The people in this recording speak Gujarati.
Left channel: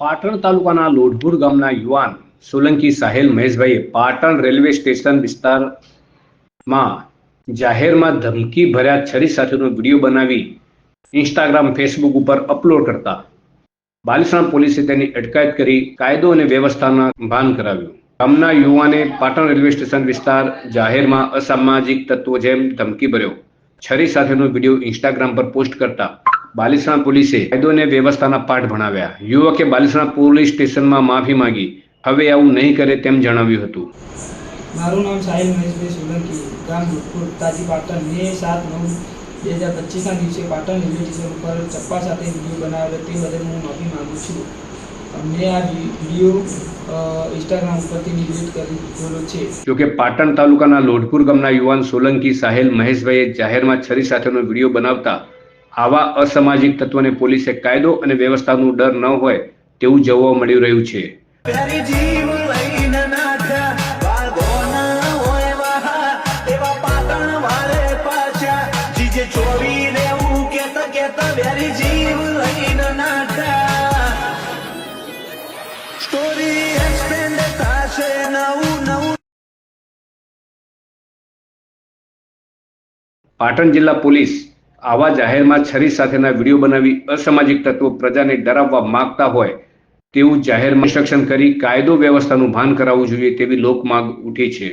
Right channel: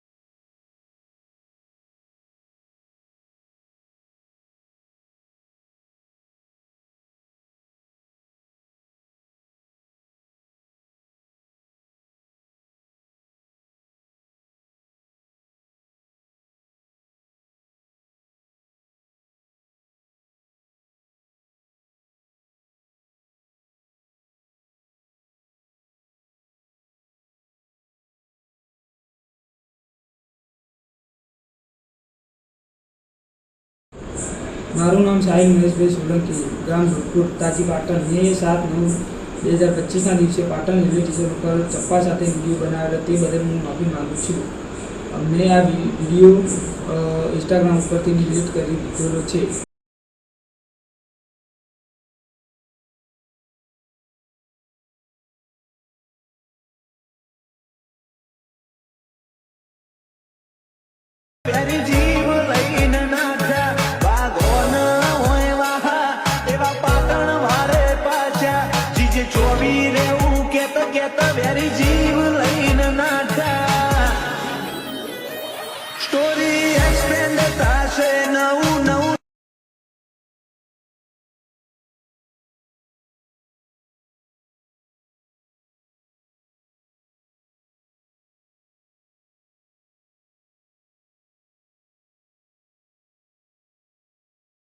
પાટણ તાલુકાના લોઢપુર ગામના યુવાન સોલંકી સાહેલ મહેશભાઈએ પાટણ રેલવે સ્ટેશન વિસ્તારમાં જાહેરમાં ધમકી ભર્યા છરી સાથેનો વિડીયો બનાવી ઇન્સ્ટાગ્રામ ફેસબુક ઉપર અપલોડ કરતા બાલિસણા પોલીસે તેની અટકાયત કરી કાયદો અને વ્યવસ્થાના ભાન કરાવ્યું. ગામના યુવાને પાટણ રેલવે સ્ટેશન વિસ્તાર જાહેરમાં અસામાજિક તત્વો જેમ ધમકી ભર્યો છરી સાથેનો વિડીયો ઇન્સ્ટાગ્રામ પર પોસ્ટ કરતા બાલિસણા પોલીસે કાયદો અને વ્યવસ્થાના પાઠ ભણાવ્યા. યુવકે બાલિસણા પોલીસ સ્ટેશનમાં માફી માંગી હવે આવું નહીં કરે તેમ જણાવ્યું હતું. મારું નામ સાહિલ મહેશભાઈ સોલંકી, ગામ ભૂતપુર, તાજી પાટણ. મે 7/9/2025ના દિવસે પાટણ રેલવે સ્ટેશન ઉપર ચપ્પા સાથે વિડીયો બનાવેલો તે બદલ હું માફી માગું છું. મેં આ વિડીયો ઇન્સ્ટાગ્રામ ઉપરથી ડિલીટ કરી દીધેલો છે. જોકે પાટણ તાલુકાના લોઢપુર ગામના યુવાન સોલંકી સાહેલ મહેશભાઈએ જાહેરમાં છરી સાથેનો વિડીયો બનાવતા આવા અસામાજિક તત્વોને પોલીસે કાયદો અને વ્યવસ્થાનું ડર ન હોય તેવું જોવા મળી રહ્યું છે. પાટણ જિલ્લા પોલીસ આવા જાહેરમાં છરી સાથેના વિડીયો બનાવી અસામાજિક તત્વો પ્રજાને ડરાવવા માંગતા હોય તેવું જાહેરમાં ઇન્સ્ટ્રક્શન કરી કાયદો વ્યવસ્થાનું ભાન કરાવવું જોઈએ તેવી લોકમાંગ ઉઠી છે.